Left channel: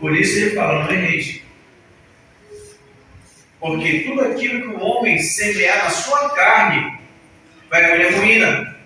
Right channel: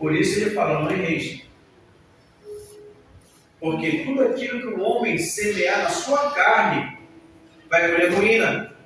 Por isso ele fala, não erreis. Porque tudo aquilo que o homem semear na sua carne, vai colher ruína,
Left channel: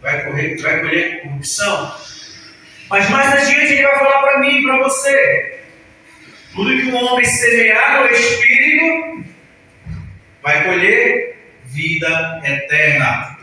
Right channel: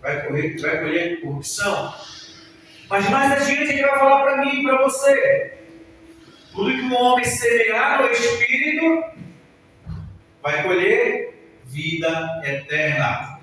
vai colher corrupção. Mas mais adiante ele vai falar para mim e para você, tudo que o homem semear no Espírito, vai colher vida eterna.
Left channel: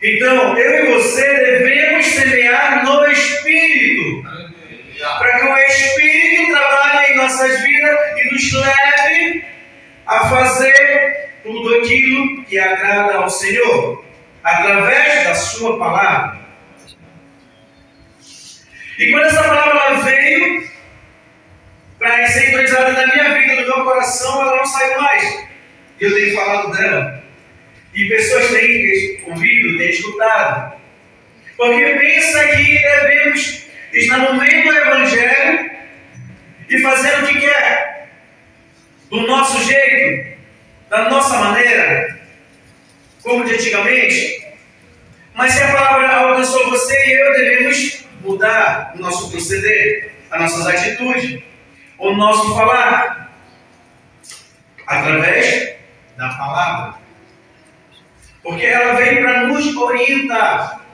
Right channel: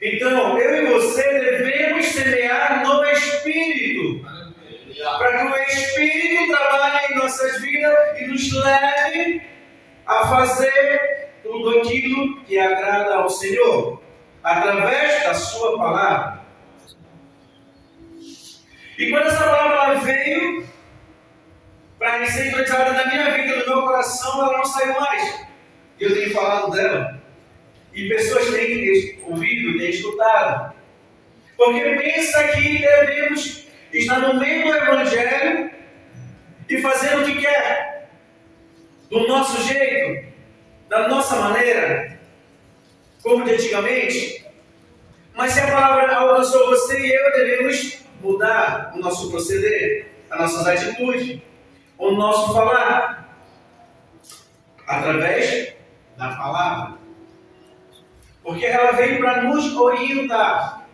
Então, eu e você devemos semear no Espírito, para que o Espírito trabalhe em nossas vidas e nos leve a fazer tudo aquilo que agrada ao Senhor, através da sua palavra. E quando essa palavra veio para ser entrada na minha vida, no meu coração, ela não saiu mais. Eu tenho falado dela. E pessoas têm ouvido, têm escutado. Porque pensa que devemos estar no meio do Evangelho e fazer o que quer, do nosso jeito, da nossa maneira, como de antigamente. Mas se a palavra alcançou você e eu, devemos mudar o nosso proceder, as nossas atitudes, o nosso falar, através da palavra. Porque ela vem para nos orientar.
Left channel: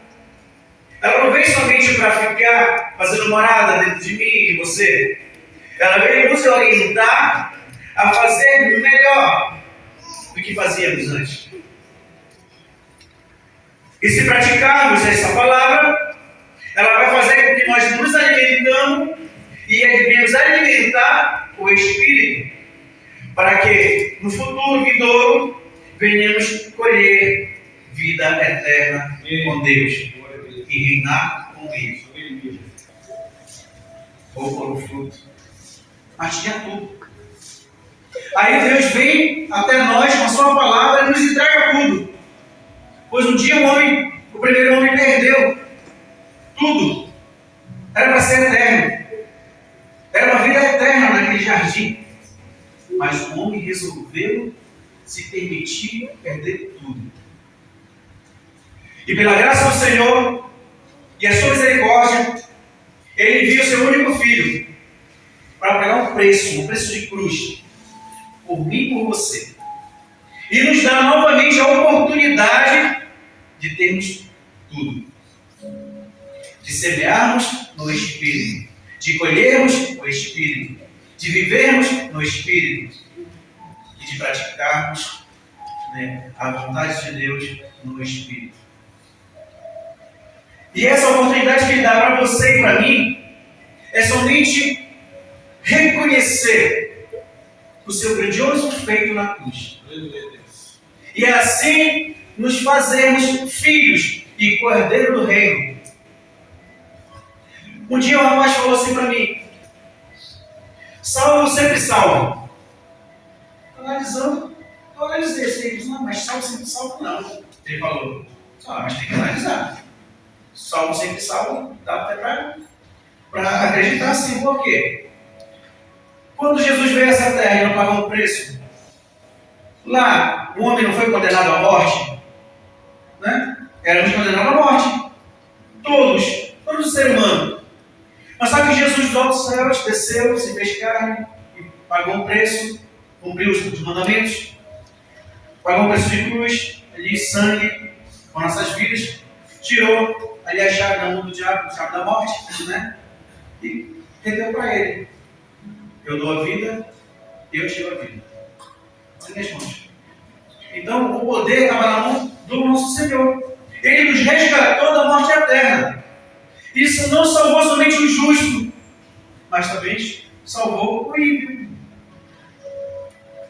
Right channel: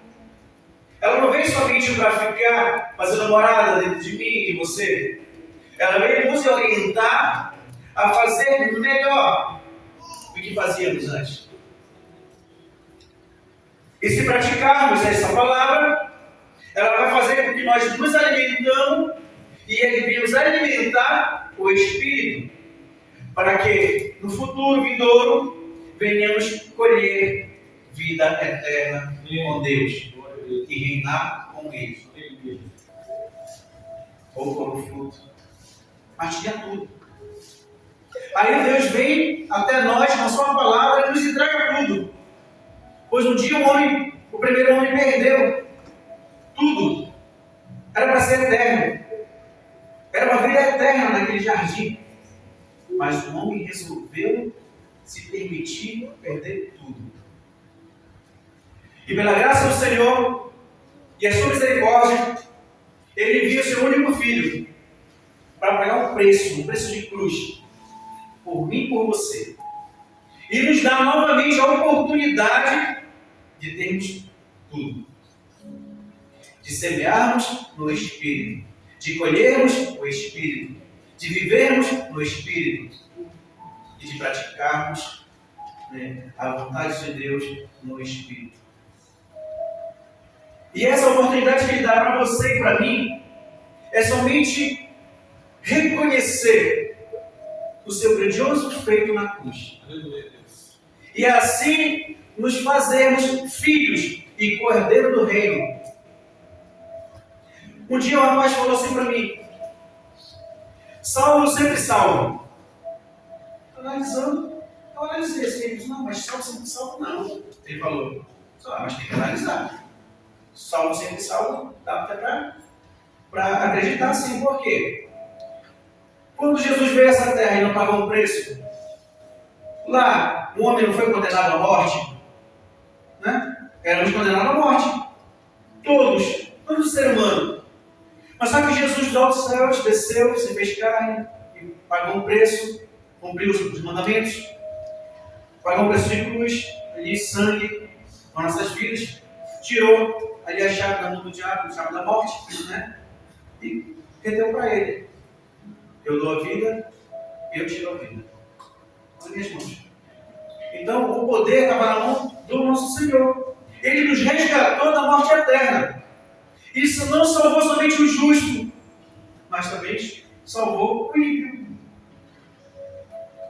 Ela não vem somente para ficar fazendo morada dentro de mim e de você. Ela vem nos orientar a fazer melhor do que fazíamos antes. E se praticarmos essa palavra, ela vai fazer com que nós nos alimentamos e devemos alimentar o Espírito, para que no futuro vindouro venhamos colher vida eterna com Deus e reinar com Ele. Ou por um fruto. Mas tinha tudo. Aí Deus vem até nós com a sua palavra e nos entrega tudo. Pois um dia o primeiro homem perdeu tudo. Era para ser eterno. Era uma vida eterna naquele jardim. Mas o homem resolveu se permitir perder tudo. E pela graça do Senhor e a sua misericórdia, Ele envia o seu único filho para pagar um preço de cruz, por mim e por você. E nos dá novamente a oportunidade de termos tudo. De semearmos no Espírito, de colhermos o Espírito, de vivermos no Espírito e de praticarmos a vontade de Deus no Espírito. E essa oportunidade que Ele dá para você e para mim é somente reconhecer o seu grandioso feito na cruz. E assim nos fazermos filhos e cordeiro do reino. Um dia um rapaz falou assim para mim: salvo sempre salvo. Analisando, eu analisei isso. Ele disse: não, mas salvo sempre salvo não. Ele falou: mas tem que analisar. Salvo sempre salvo, dá até para acreditar assim. Por quê? Quando Jesus veio a essa terra e não pagou um preço, lá o homem não foi condenado à morte, né? Éramos condenados à morte. Todos os seres humanos. Mas só que Jesus dos altos céus desceu, se fez carne, e pagou um preço, cumpriu os mandamentos, pagou um preço de cruz, ali sangue, com nossas vidas, tirou ali a chave da mão do diabo, a chave da morte, né? E rendeu para ele: eu dou a vida, eu tiro a vida. Nas minhas mãos. Então o poder estava na mão do nosso Senhor. Ele nos resgatou da morte eterna. Isso não salvou somente o justo, mas também salvou o ímpio.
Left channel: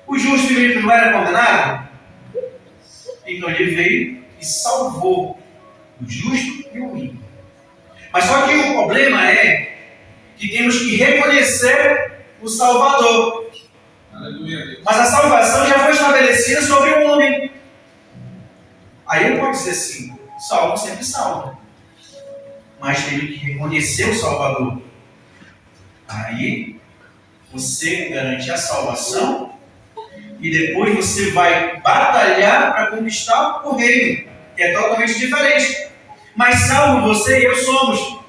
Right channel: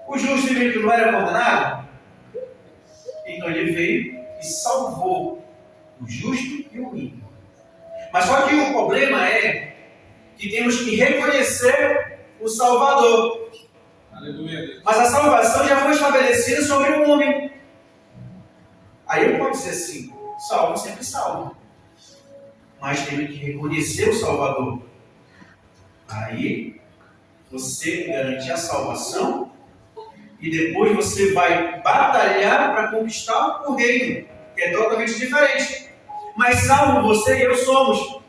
O justo e o ímpio não era condenado? Então ele veio e salvou o justo e o ímpio. Mas só que o problema é que temos que reconhecer o Salvador. Aleluia. Mas a salvação já foi estabelecida sobre o homem. Aí ele pode dizer assim: salvo sempre salvo. Mas teve que reconhecer o Salvador. Aí você garante a salvação e depois você vai batalhar para conquistar o reino, que é totalmente diferente. Mas salvo você e eu somos.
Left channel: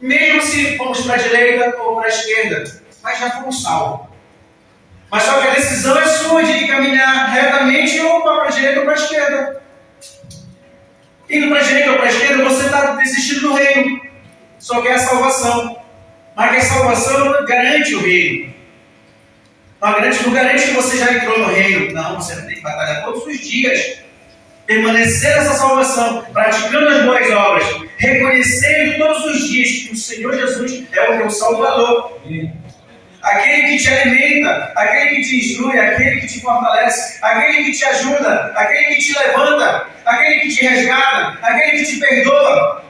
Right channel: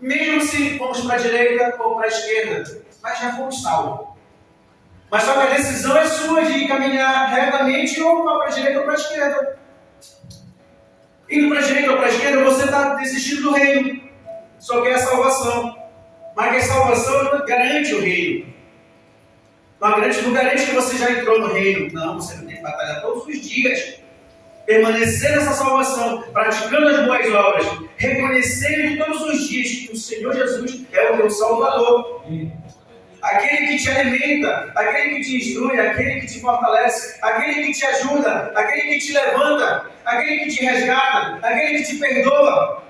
Mesmo se fomos para a direita ou para a esquerda, mas já fomos salvos. Mas só que a decisão é sua de caminhar retamente ou para a direita ou para a esquerda. Indo para a direita ou para a esquerda, você está desistindo do reino. Só quer a salvação. Mas que a salvação não garante o reino. Não garante que você já entrou no reino. Não, você tem que batalhar todos os dias. Permanecer nessa salvação, praticando as boas obras, reconhecendo todos os dias que o Senhor Jesus é o teu Salvador. Aquele que te alimenta, aquele que te instrui, aquele que te fortalece, aquele que te ajuda, aquele que te levanta, aquele que te resgata, aquele que te perdoa.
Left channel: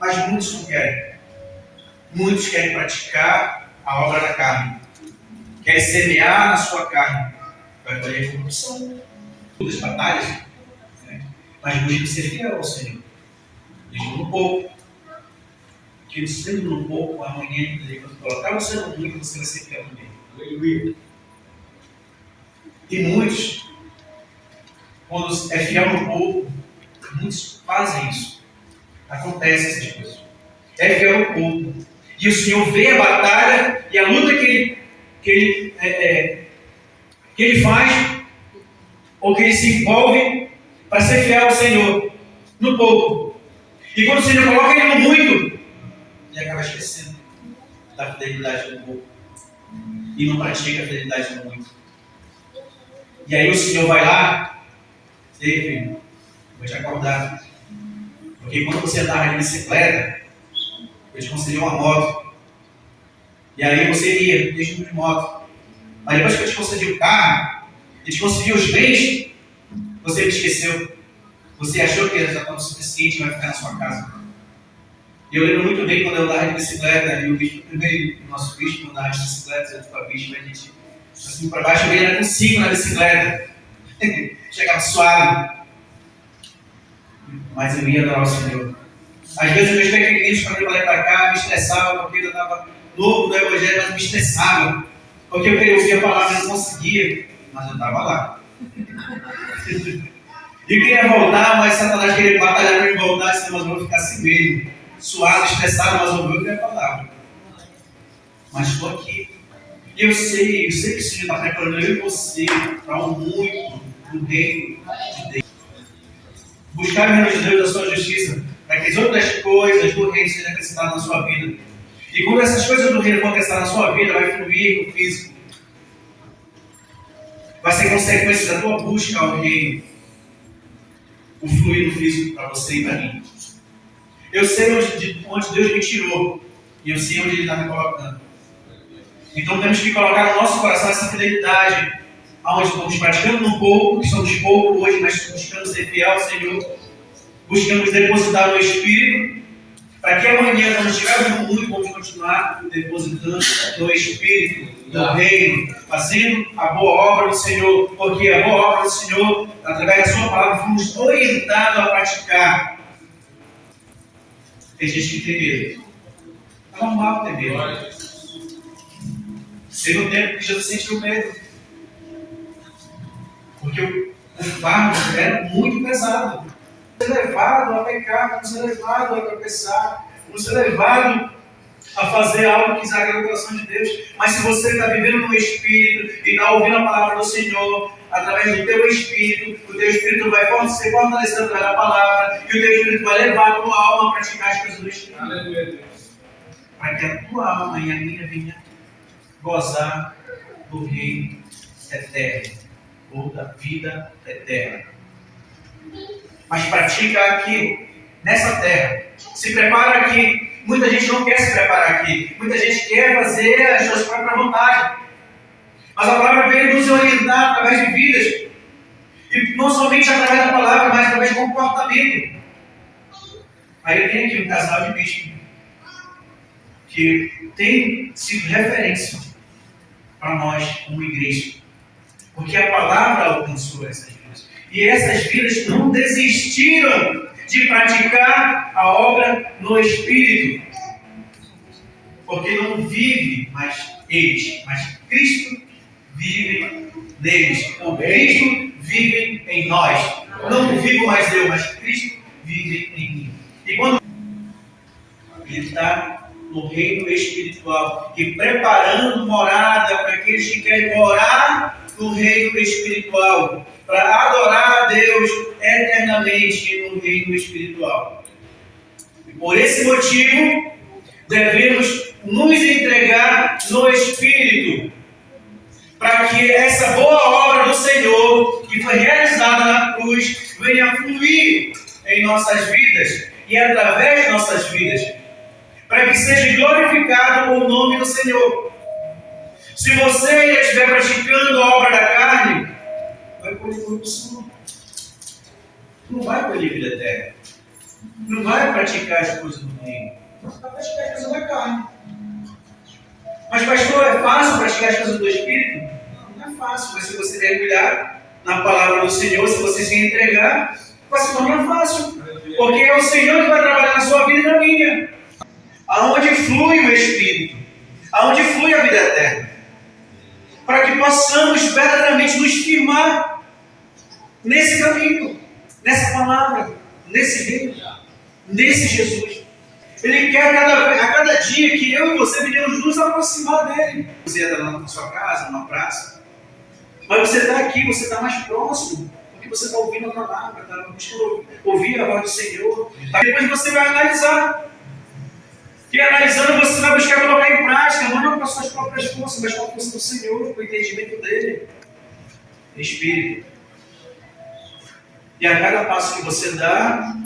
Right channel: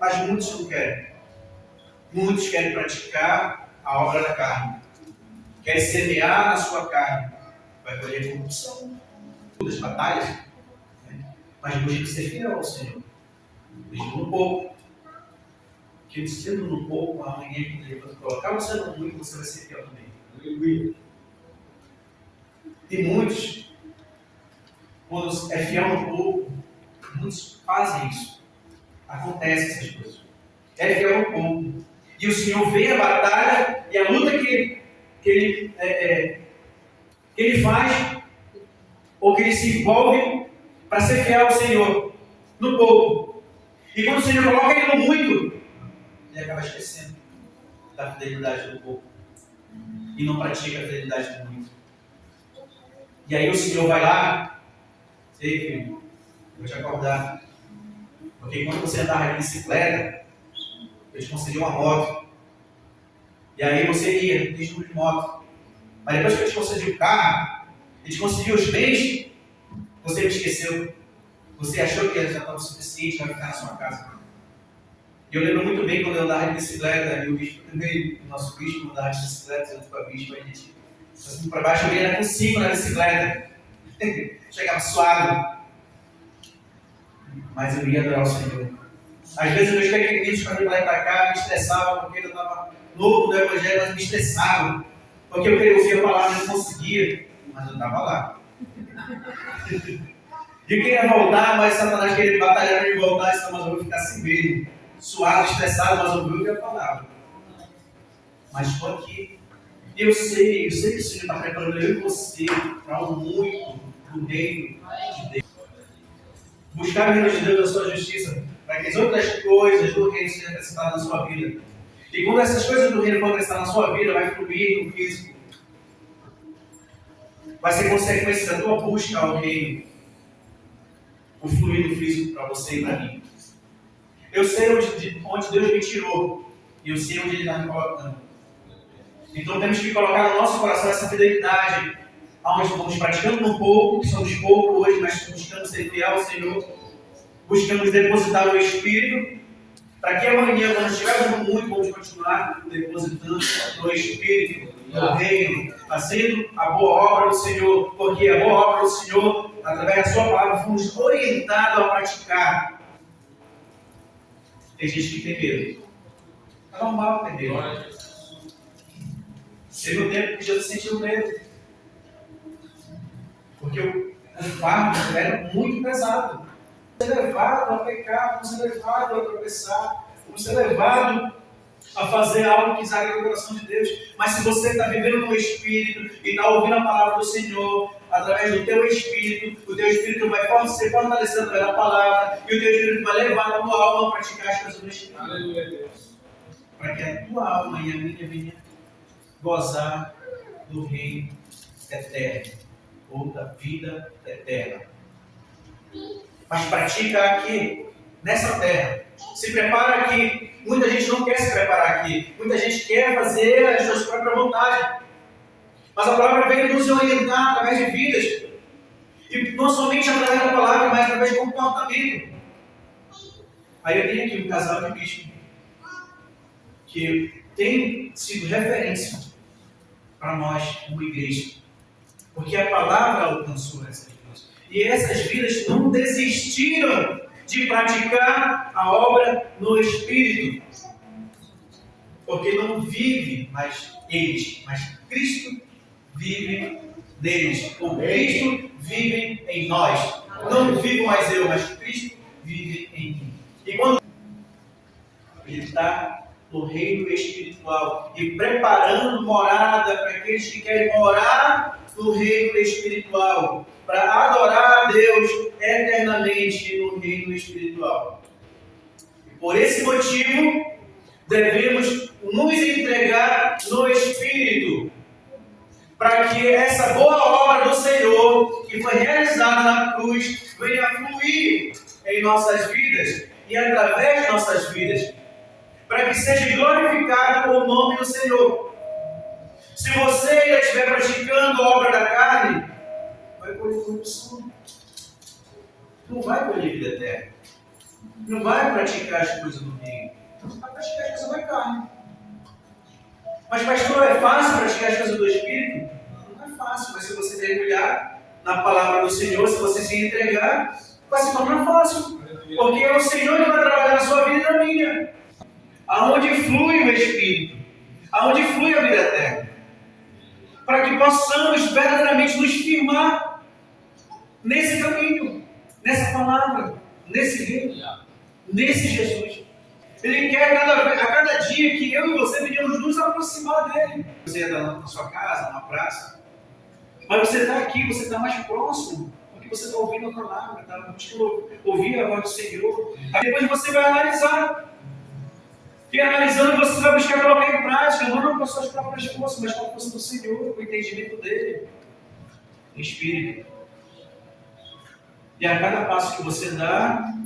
Mas muitos não querem. Muitos querem praticar a obra da carne. Querem semear na sua carne. Vai colher corrupção. Das batalhas. Né? Mas busca ser fiel ao Senhor. Mesmo no pouco. Que sendo no pouco, amanhã ele vai colocar você no muito, você vai ser fiel também. Aleluia. E muitos, quando é fiel no pouco, muitos fazem isso. Acontece essas coisas. É fiel no pouco. E o Senhor vê a batalha e a luta que ele faz, ou que ele se envolve para ser fiel ao Senhor no pouco. E quando o Senhor coloca ele no muito, ele acaba esquecendo da fidelidade no pouco. E não pratica a fidelidade no muito. E aí o Senhor vai lá, e aí, filho, vou te acordar. Porque quando você andava de bicicleta, eu te concedi uma moto. E aí você ia, deixa de moto. Mas depois que eu te concedi o carro, e te concedi os bens, você me esqueceu. Você achou que já estava o suficiente e vai ficar na sua casa. E eu lembro muito bem quando eu andava de bicicleta, e o bispo também, o nosso bispo andava de bicicleta, eu para o bispo, a gente, assim para baixo, ele era com 5 na bicicleta. Chegava suave. Mas eu ia adorar o Senhor. Às vezes eu meus pequeninos, quando eu ia para cá, me estressavam, porque eu estava novo do Evangelho, mas me estressavam. Porque eu queria ouvir a palavra e não conseguia, mas eu estava lá. E eu queria voltar, mas Satanás queria batalhar para me voltar, senão eu vou ficar assim mesmo, suado, estressado, mas eu ouvi a palavra. Mas estou aqui. E eu sei que o Senhor está preparando eu e você para um muito do reino de Deus. Buscar o reino de Deus, a sua justiça, para que as outras coisas do reino sejam acrescentadas na sua vida. E quando essas coisas do reino for acrescentadas na sua vida, vai fluir no físico. Vai ser consequência da tua busca ao reino. O fluir do físico para você e para mim. Eu sei onde Deus me tirou. E eu sei onde Ele está me colocando. Então temos que colocar no nosso coração essa fidelidade. Onde estamos praticando um pouco, que somos pouco hoje, mas buscando ser fiel ao Senhor. Buscamos depositar no Espírito. Para que amanhã, quando estivermos muito, vamos continuar depositando no Espírito, no reino, fazendo a boa obra do Senhor. Porque a boa obra do Senhor, através da sua palavra, fomos orientados a praticar. Tem gente que tem medo. É normal ter medo. Teve um tempo que Jesus sentiu medo. Porque o fardo era muito pesado. Vamos ser levado a pecar, vamos ser levado a tropeçar, vamos ser levado a fazer algo que desagrada o coração de Deus. Mas se você está vivendo no Espírito e está ouvindo a palavra do Senhor, através do teu Espírito, o teu Espírito vai ser fortalecido através da palavra, e o teu Espírito vai levar a tua alma a praticar as coisas do Espírito. Aleluia. Para que a tua alma e a minha venha gozar do reino eterno, ou da vida eterna. Mas pratica aqui, nessa terra. Se prepara aqui. Muita gente não quer se preparar aqui. Muita gente quer fazer as suas próprias vontades. Mas a palavra veio nos orientar através de vidas. E não somente através da palavra, mas através do comportamento. Aí eu tenho aqui um casal de bispos que tem sido referência para nós como igreja. Porque a palavra alcançou essas vidas. E essas vidas não desistiram de praticar a obra no Espírito. Porque não vive mais eles, mas Cristo vive neles. O Cristo vive em nós. Não vivo mais eu, mas Cristo vive em mim. E quando Ele está no reino espiritual e preparando morada para aqueles que querem morar no reino espiritual, para adorar a Deus eternamente no reino espiritual. E por esse motivo, devemos nos entregar no Espírito, para que essa boa obra do Senhor, que foi realizada na cruz, venha a fluir em nossas vidas e através de nossas vidas, para que seja glorificado o nome do Senhor. Se você ainda estiver praticando a obra da carne, vai colher corrupção. Não vai colher vida eterna. Não vai praticar as coisas do reino. Você vai praticar as coisas da carne. Mas, pastor, é fácil praticar as coisas do Espírito? Não é fácil. Mas se você mergulhar na palavra do Senhor, se você se entregar, vai se tornar fácil. Porque é o Senhor que vai trabalhar na sua vida e na minha. Aonde flui o Espírito, aonde flui a vida eterna, para que possamos verdadeiramente nos firmar nesse caminho, nessa palavra, nesse reino, nesse Jesus. Ele quer a cada dia que eu e você venhamos nos aproximar dele. Você está na sua casa, numa praça, mas você está aqui, você está mais próximo, porque você está ouvindo a palavra, está buscando ouvir a voz do Senhor. Depois você vai analisar. E analisando, você vai buscar colocar em prática, não com as suas próprias forças, mas com a força do Senhor, com o entendimento dele. Espírito. E a cada passo que você dá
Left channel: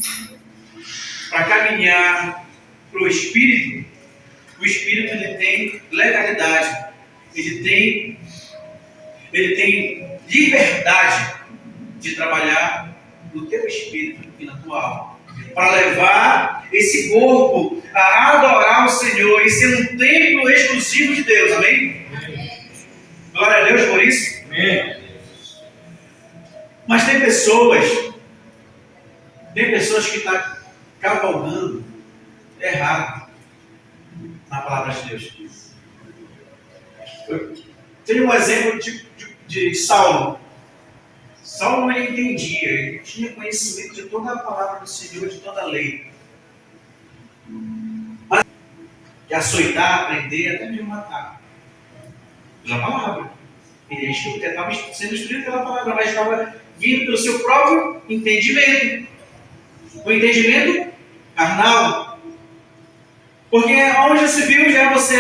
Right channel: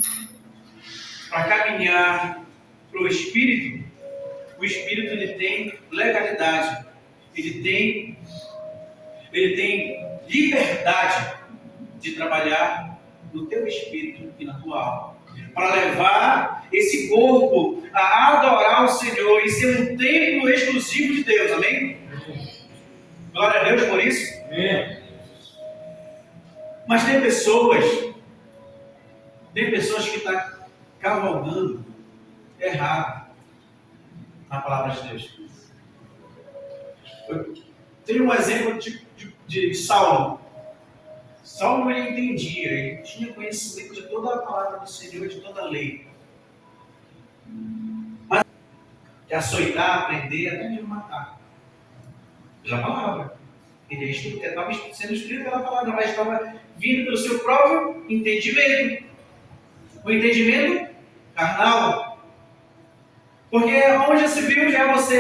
para caminhar para o Espírito ele tem legalidade, ele tem liberdade de trabalhar no teu espírito e na tua alma, para levar esse corpo a adorar o Senhor e ser um templo exclusivo de Deus, amém? Glória a Deus por isso. Amém. Mas tem pessoas que estão cavalgando errado na palavra de Deus. Eu tenho um exemplo de Saulo. Saulo, ele entendia, ele tinha conhecimento de toda a palavra do Senhor, de toda a lei. Mas de açoitar, prender, até mesmo matar. Pela palavra. Ele estava sendo instruído pela palavra, mas estava vindo pelo seu próprio entendimento. O entendimento carnal. Porque onde se viu já você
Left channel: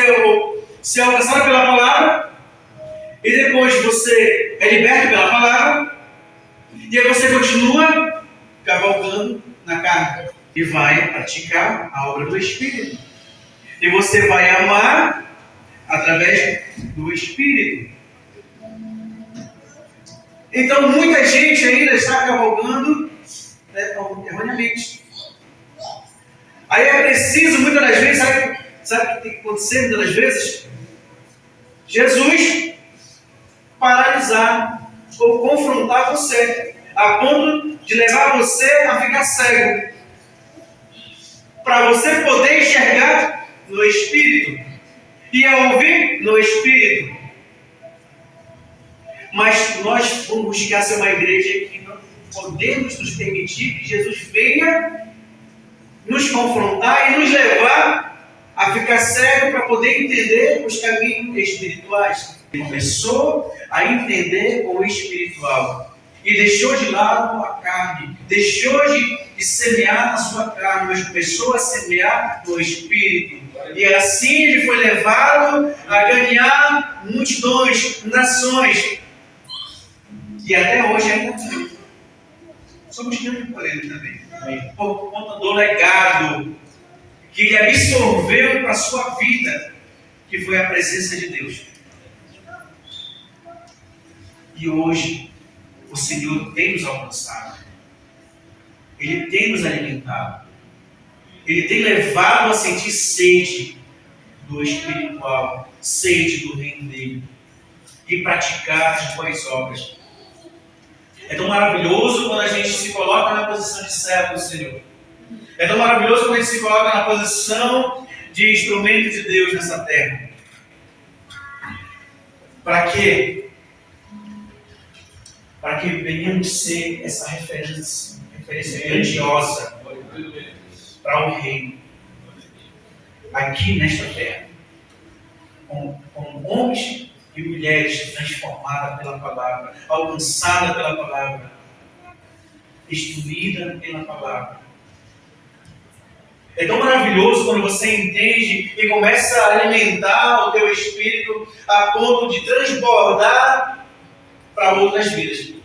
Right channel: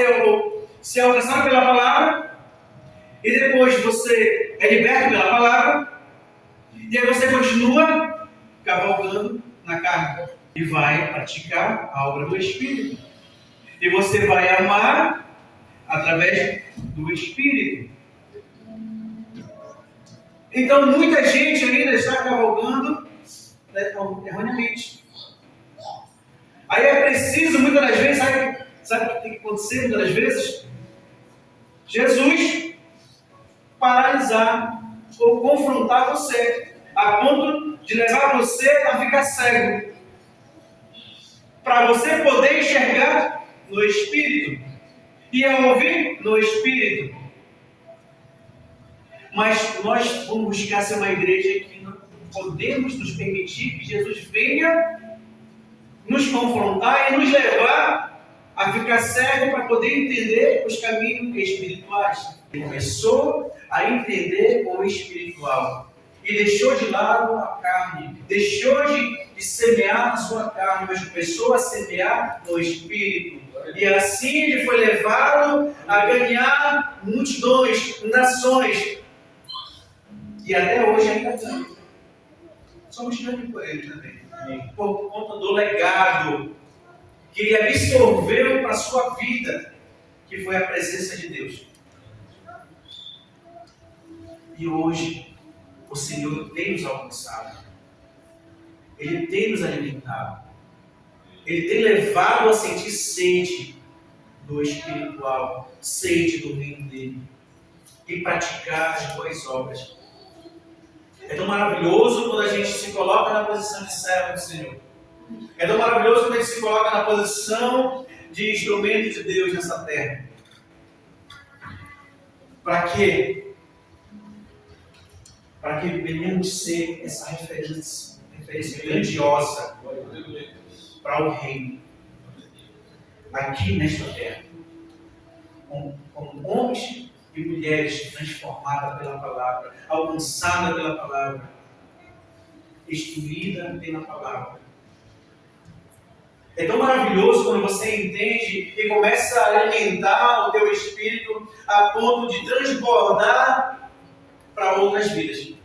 se alcançado pela palavra, e depois você é liberto pela palavra, e aí você continua cavalgando na carne e vai praticar a obra do Espírito. E você vai amar através do Espírito. Então muita gente ainda está cavalgando erroneamente. Aí é preciso, muitas das vezes, sabe o que tem que acontecer muitas das vezes? Jesus paralisar ou confrontar você, a ponto de levar você a ficar cego, para você poder enxergar no Espírito e a ouvir no Espírito. Mas nós vamos buscar ser uma igreja que não podemos nos permitir que Jesus venha nos confrontar e nos levar a ficar cego para poder entender os caminhos espirituais. Ele começou a entender o espiritual e deixou de lado a carne, deixou de semear na sua carne, mas começou a semear no espírito. E assim ele foi levado a ganhar multidões, nações, e até hoje ainda ganha. Somos grandes por ele também. Por conta do legado que ele absorveu para a sua vida, que foi a presença de Deus. E hoje, o Senhor tem nos alcançado. Ele tem nos alimentado. Ele tem levado a sentir sede do espiritual, sede do reino dele, e praticar as boas obras. É tão maravilhoso quando a gente se coloca na posição de servo do Senhor. É tão maravilhoso quando a gente se coloca na posição de instrumento de Deus nessa terra. Para quê? Para que venhamos ser essa referência grandiosa para o reino. aqui nesta terra, com homens e mulheres transformadas pela palavra, alcançadas pela palavra, instruída pela palavra. É tão maravilhoso quando você entende e começa a alimentar o teu espírito a ponto de transbordar para outras vidas.